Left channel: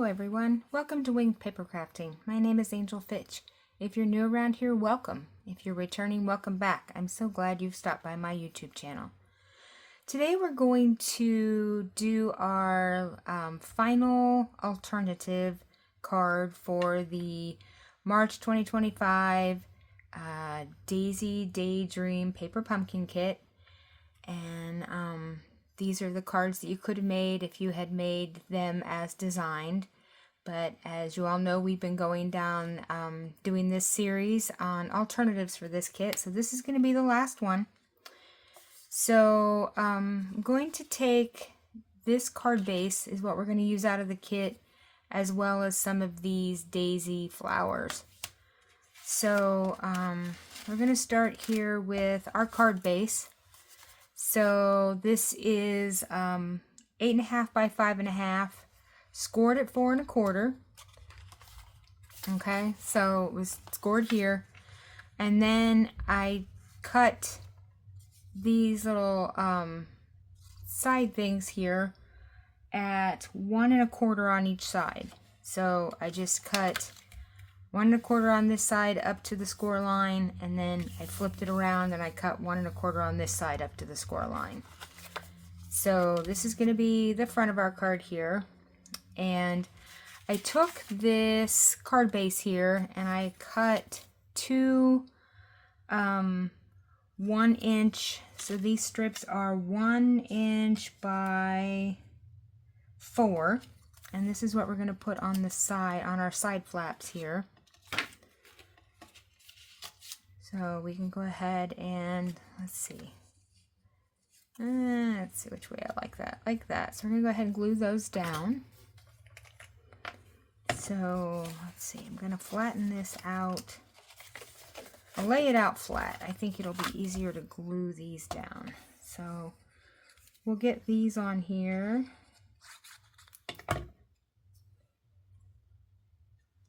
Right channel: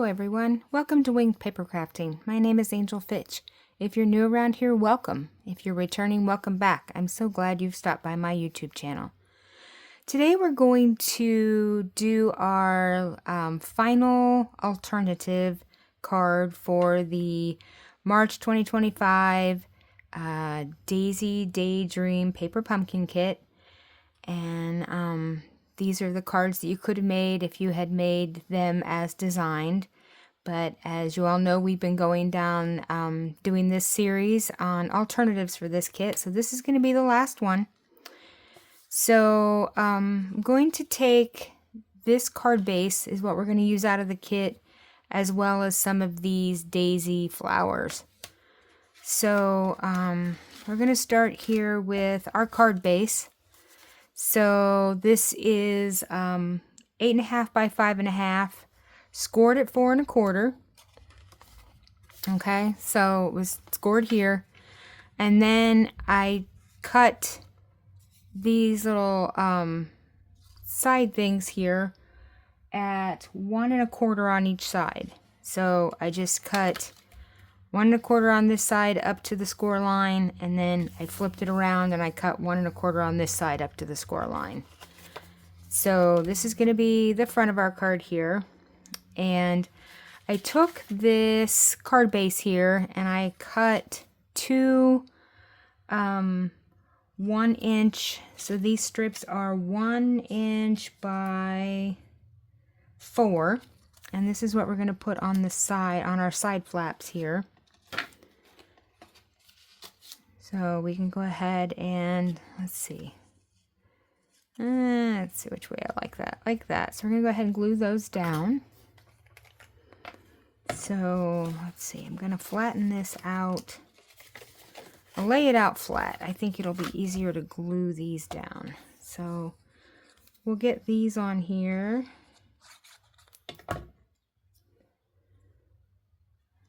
Hello everyone, welcome to Winged Paper Crafting. My name is Angel Fitch. If you're new around here, welcome. If you're returning, welcome back. I'm so glad you've stopped by my YouTube channel. Today we're going to do our final alternative card for the March 2025 Daydream Paper Pumpkin Kit. And these are the cards that you could have made if you had made them as designed. But as you all know, we've been going down doing this series on alternatives for this kit. So this is going to be the last one. So I'm going to take this card base is what we're going to use out of the kit, as well as some of these daisy flowers. So we're going to start here with our card base. So this is 8.5 by 5.5, scored at 4 1/4. Okay, so it was scored here, and then I cut these little side things here at 1 1/4 on each side. So I just cut 1 1/4 on this side up to the score line, and then I flipped it around and I cut 1 1/4 on this side up to the score line. So this is going to be the front of our card here, and I took this card base here and I cut two 1 inch, so these strips are 1 inch by 4, and this is what we're going to put on the side, on our side flaps here. So we can go ahead and, let's see which way I like that. So we're going to go ahead and glue those down. So let's see, I'm going to flatten this out. I'll lay it out flat. I think it'll be easier to glue these down. So we'll get these on here.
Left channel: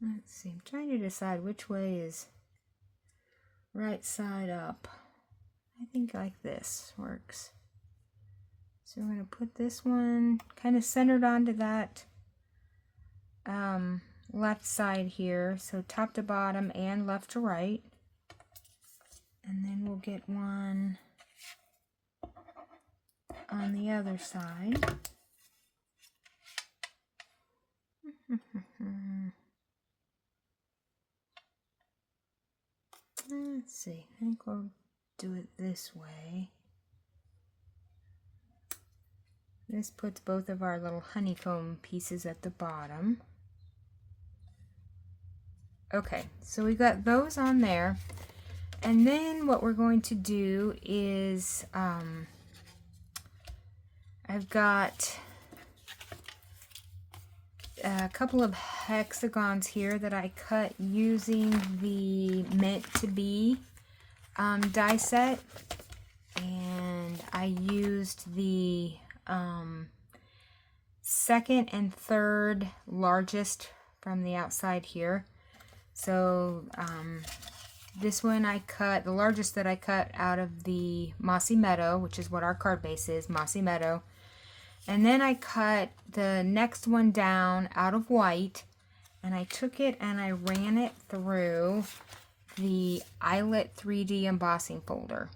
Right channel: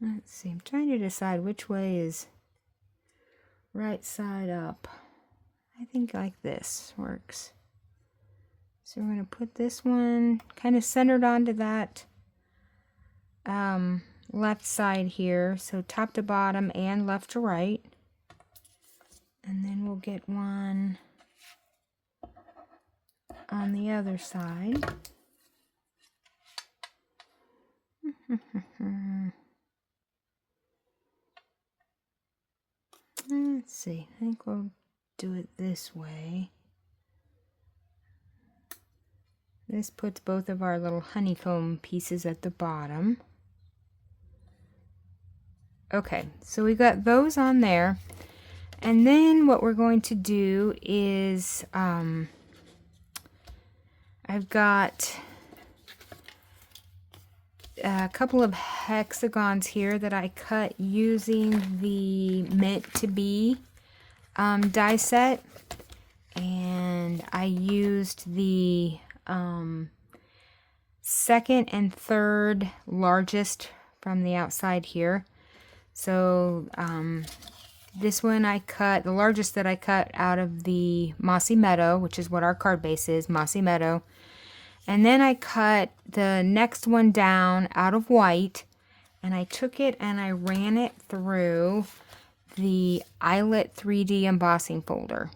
Let's see, I'm trying to decide which way is right side up. I think like this works. So we're going to put this one kind of centered onto that left side here. So top to bottom and left to right. And then we'll get one on the other side. Let's see, I think we'll do it this way. This puts both of our little honeycomb pieces at the bottom. Okay, so we got those on there. And then what we're going to do is, I've got a couple of hexagons here that I cut using the Meant to Be die set, and I used the second and third largest from the outside here. So this one I cut, the largest that I cut out of the Mossy Meadow, which is what our card base is, Mossy Meadow. And then I cut the next one down out of white, and I took it and I ran it through the Eyelet 3D embossing folder.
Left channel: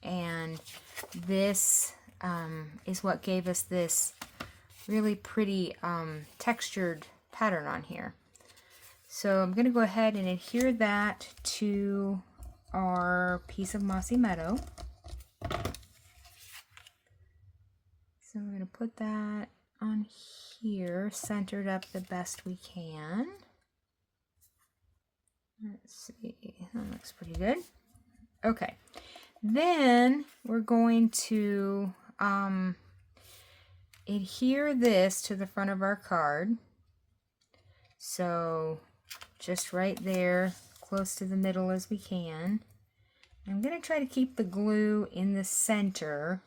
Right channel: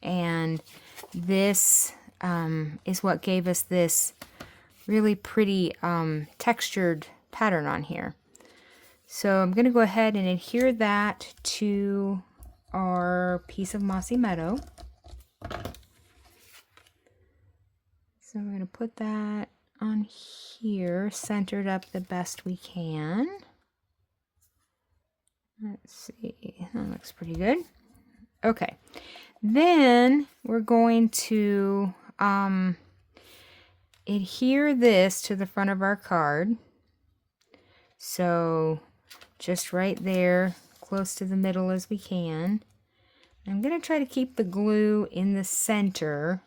And this is what gave us this really pretty textured pattern on here. So I'm going to go ahead and adhere that to our piece of Mossy Meadow. So we're going to put that on here, centered up the best we can. Let's see, that looks pretty good. Okay, then we're going to adhere this to the front of our card. So just right there, close to the middle as we can. I'm going to try to keep the glue in the center,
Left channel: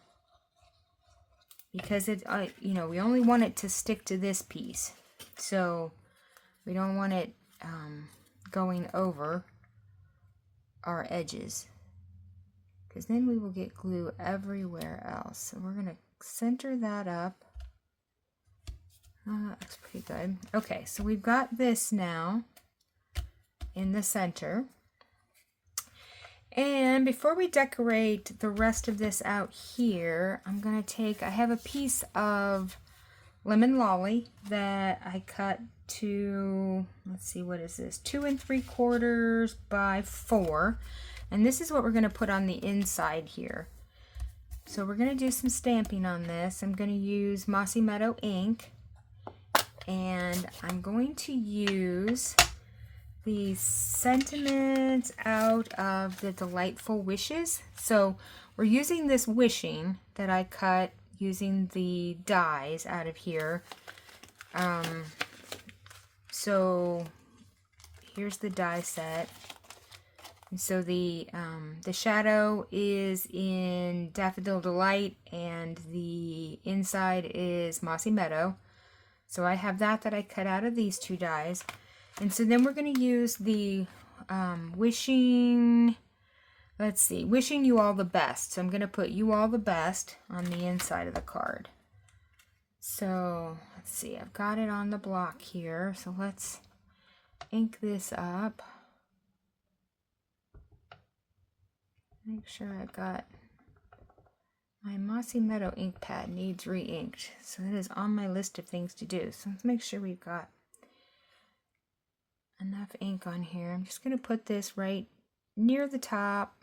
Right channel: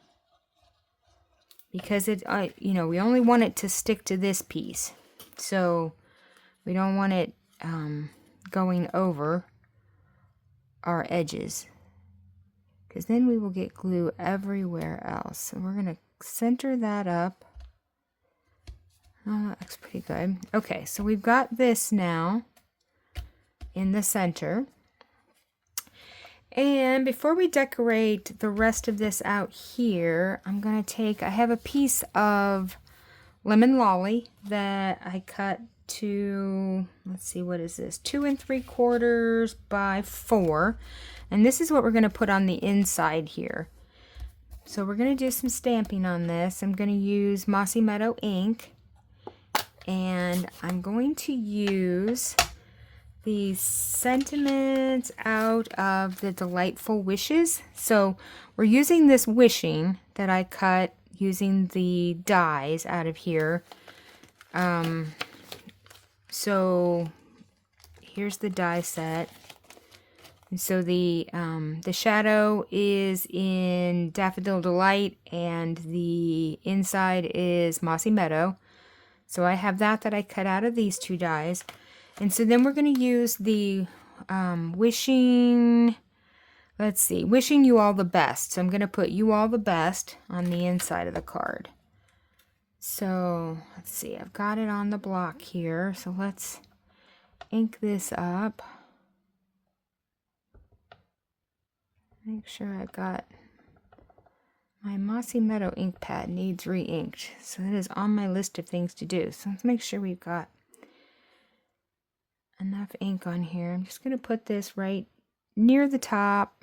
because it, you know, we only want it to stick to this piece. So we don't want it going over our edges, because then we will get glue everywhere else. So we're going to center that up. Oh, that looks pretty good. Okay, so we've got this now in the center. And before we decorate the rest of this out here, I'm going to take, I have a piece of lemon lolly that I cut to, let's see, what is this? 2 3/4 by 4. And this is what we're going to put on the inside here. So we're going to do some stamping on this. I'm going to use Mossy Meadow ink. And I'm going to use the sentiments out of the Delightful Wishes. So we're using this wishing that I cut using the dies out of here. So here's the die set. And so the shadow is in Daffodil Delight and the inside is Mossy Meadow. So I have that I cut out of these 2 dies. And so then we're going to use the wishing, let's see, wishing you all the best. So I'm going to put you all the best on the inside of the card. So let's see, I've got it on the block here. So let's ink this up. Make sure I've got my Mossy Meadow ink pad needs re-inked. So it is on my list of things to do. So let's make sure we've got enough ink on here. I'm just going to put this right near the top.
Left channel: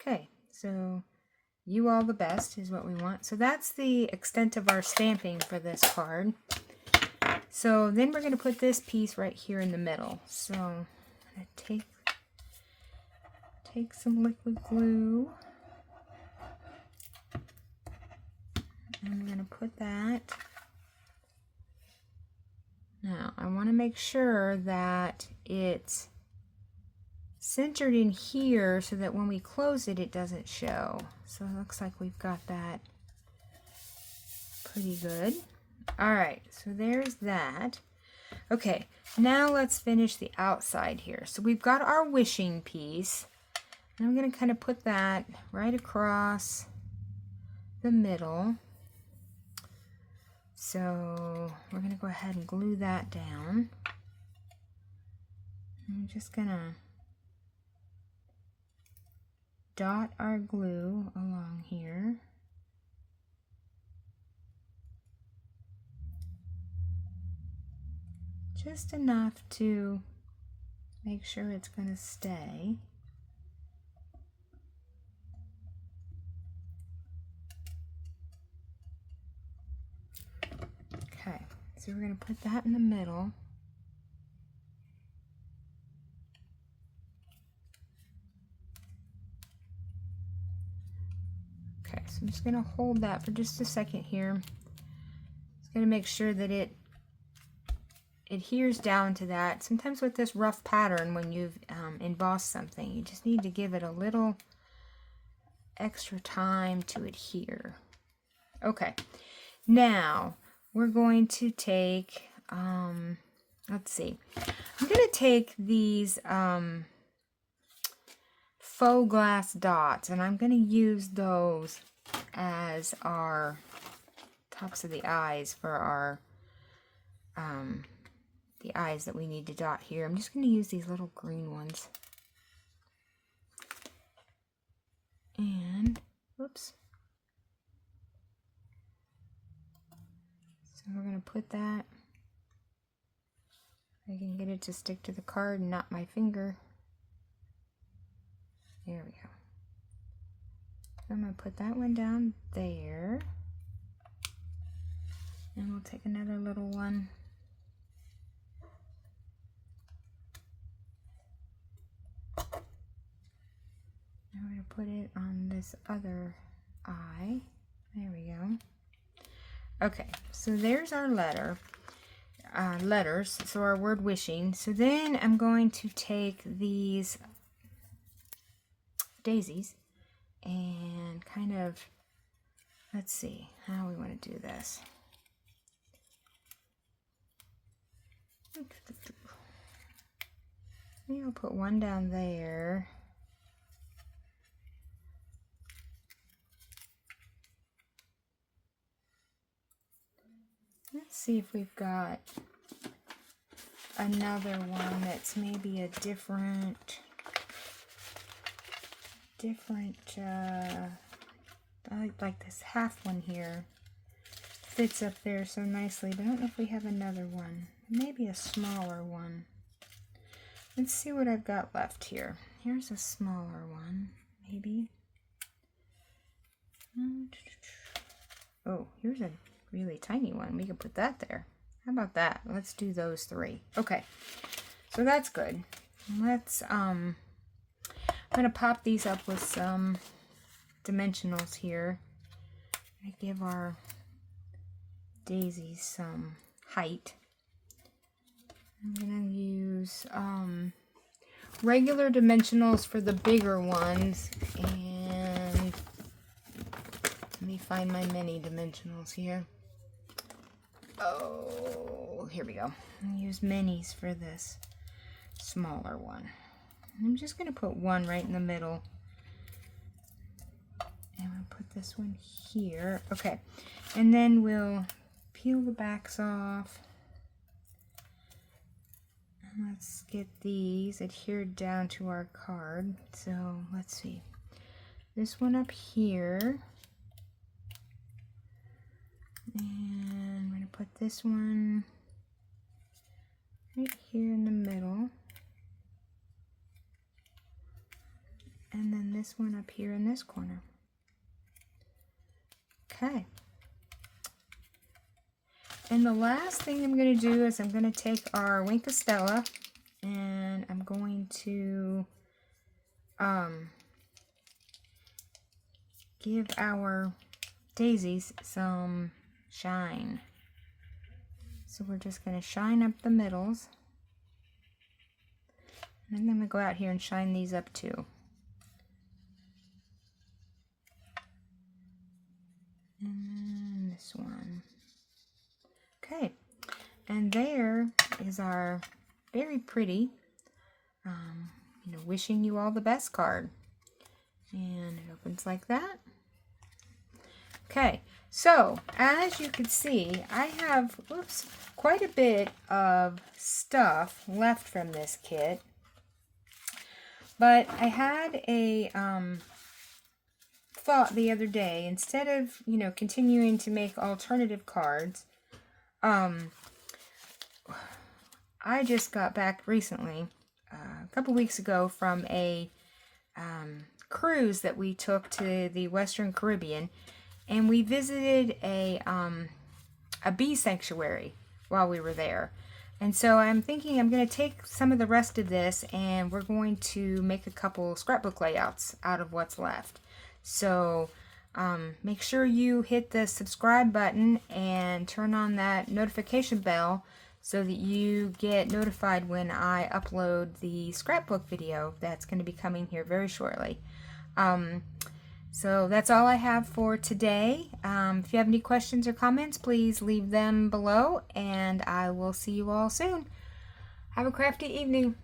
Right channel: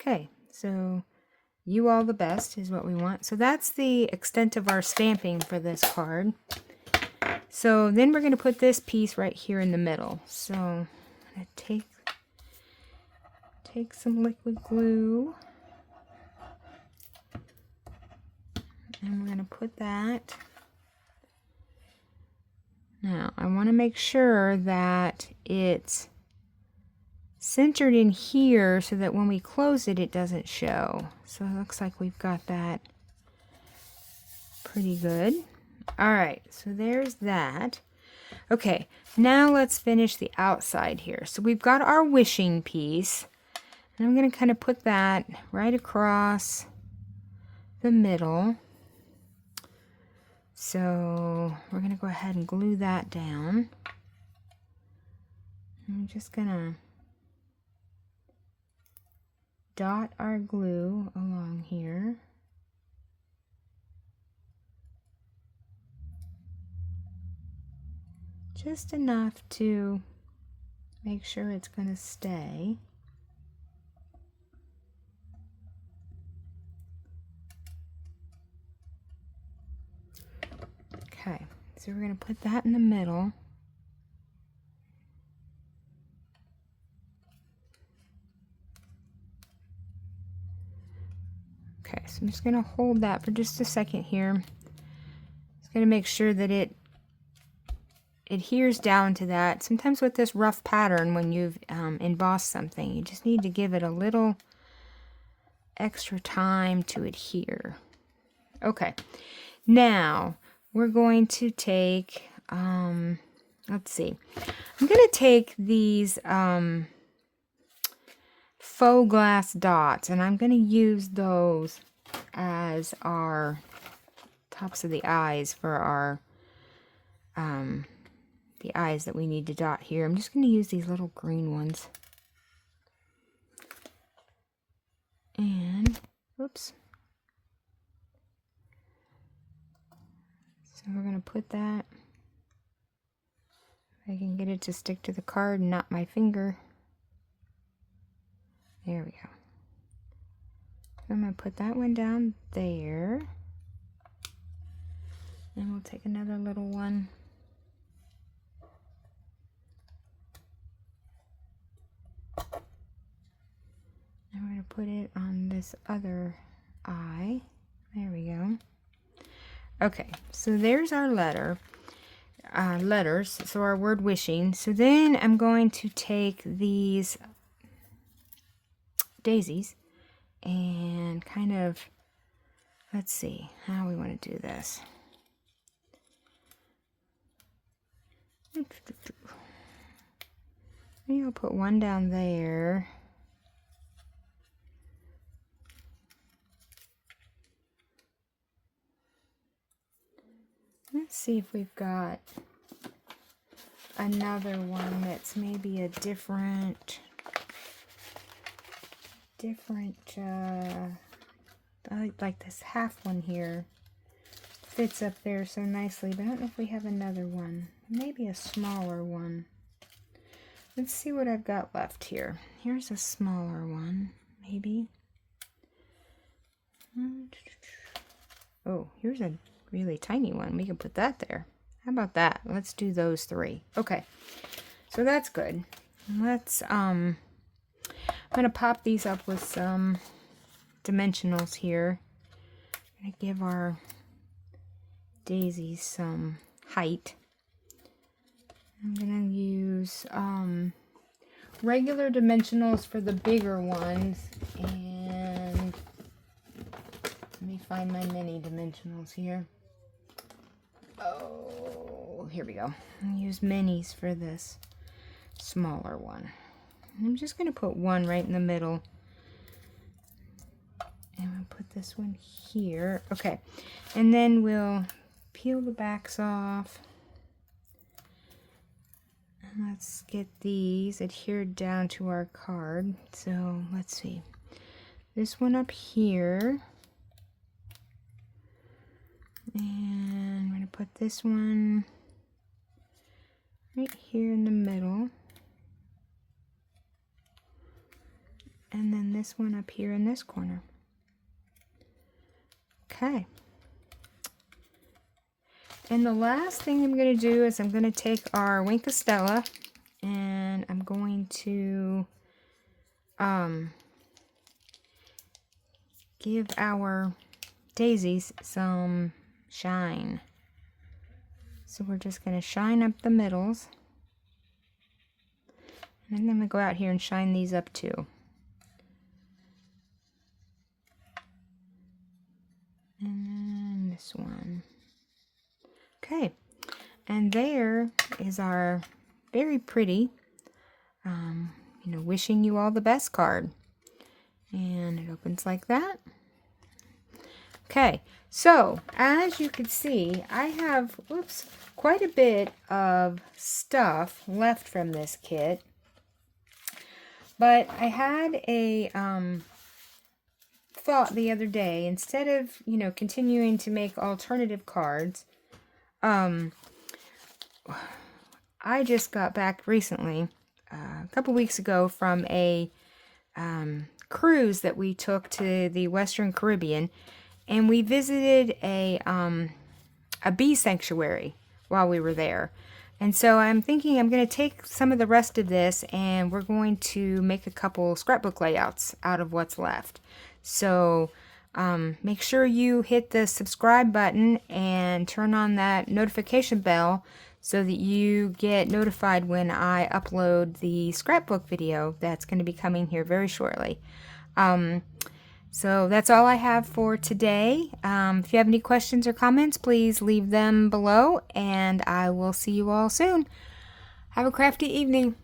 Okay, so you all the best is what we want. So that's the extent of our stamping for this card. So then we're going to put this piece right here in the middle. So I'm going to take some liquid glue. And I'm going to put that. Now, I want to make sure that it's centered in here so that when we close it, it doesn't show. So it looks like we've got that pretty good. All right, so there's that. Okay, now let's finish the outside here. So we've got our wishing piece. And I'm going to kind of put that right across the middle. So we're going to go ahead and glue that down. I'm just going to dot our glue along here. Just enough to make sure it's going to stay. Okay, so we're going to put that in the middle. Okay, so I'm just going to hold that for just a second here. Just going to make sure that it adheres down to that. Sometimes with this rough pattern, when you've embossed something, you just need to give it a little extra time to adhere. Okay, now we're going to take, let's see, I'm going to take these faux glass dots, and I'm going to use those as our tops of the eyes for our the eyes that we need to dot here. I'm just going to use these little green ones. And, oops. So we're going to put that. I can get it to stick to the card and not my finger. There we go. I'm going to put that one down there. And we'll take another little one. And we're going to put it on this other eye. There we go. Okay, so there's our letters. So our word wishing. So then I'm going to take these daisies and kind of, let's see how we want to do this. Maybe I'll put one down there. Let's see if we've got another one that's maybe a different, I like this half one here. Fits up there so nicely, but I don't know if we have another one. Maybe a smaller one. Let's see what I've got left here. Here's a smaller one, maybe. Oh, here's a really tiny one. We can put that there. How about that? Let's do those three. Okay, so that's good. Let's, I'm gonna pop these up with some dimensionals here. I'm gonna give our daisies some height. I'm gonna use regular dimensionals for the bigger ones, and let me find my mini dimensionals here. Oh, here we go. I'm gonna use minis for this smaller one. I'm just gonna put one right in the middle. And we'll put this one here. Okay, and then we'll peel the backs off. And let's get these adhered down to our card. So let's see. This one up here. And I'm going to put this one right here in the middle. And then this one up here in this corner. Okay. And the last thing I'm going to do is I'm going to take our Wink of Stella and I'm going to give our daisies some shine. So we're just going to shine up the middles. And then I'm going to go out here and shine these up too. And this one. Okay, and there is our very pretty, wishing you all the best card. And it opens like that. Okay, so as you can see, I have, quite a bit of stuff left from this kit. But I had a thought the other day, instead of, continuing to make alternative cards, I just got back recently, a couple weeks ago, from a cruise that we took to the Western Caribbean, and we visited a bee sanctuary while we were there. And so I'm thinking I'm going to take some of the rest of this and we're going to make a couple scrapbook layouts out of what's left. So make sure you hit the subscribe button and turn on that notification bell so that you get notified when I upload the scrapbook video that's going to be coming here very shortly. So that's all I have for today. If you have any questions or comments, please leave them below, and I will see you all soon. Have a crafty evening.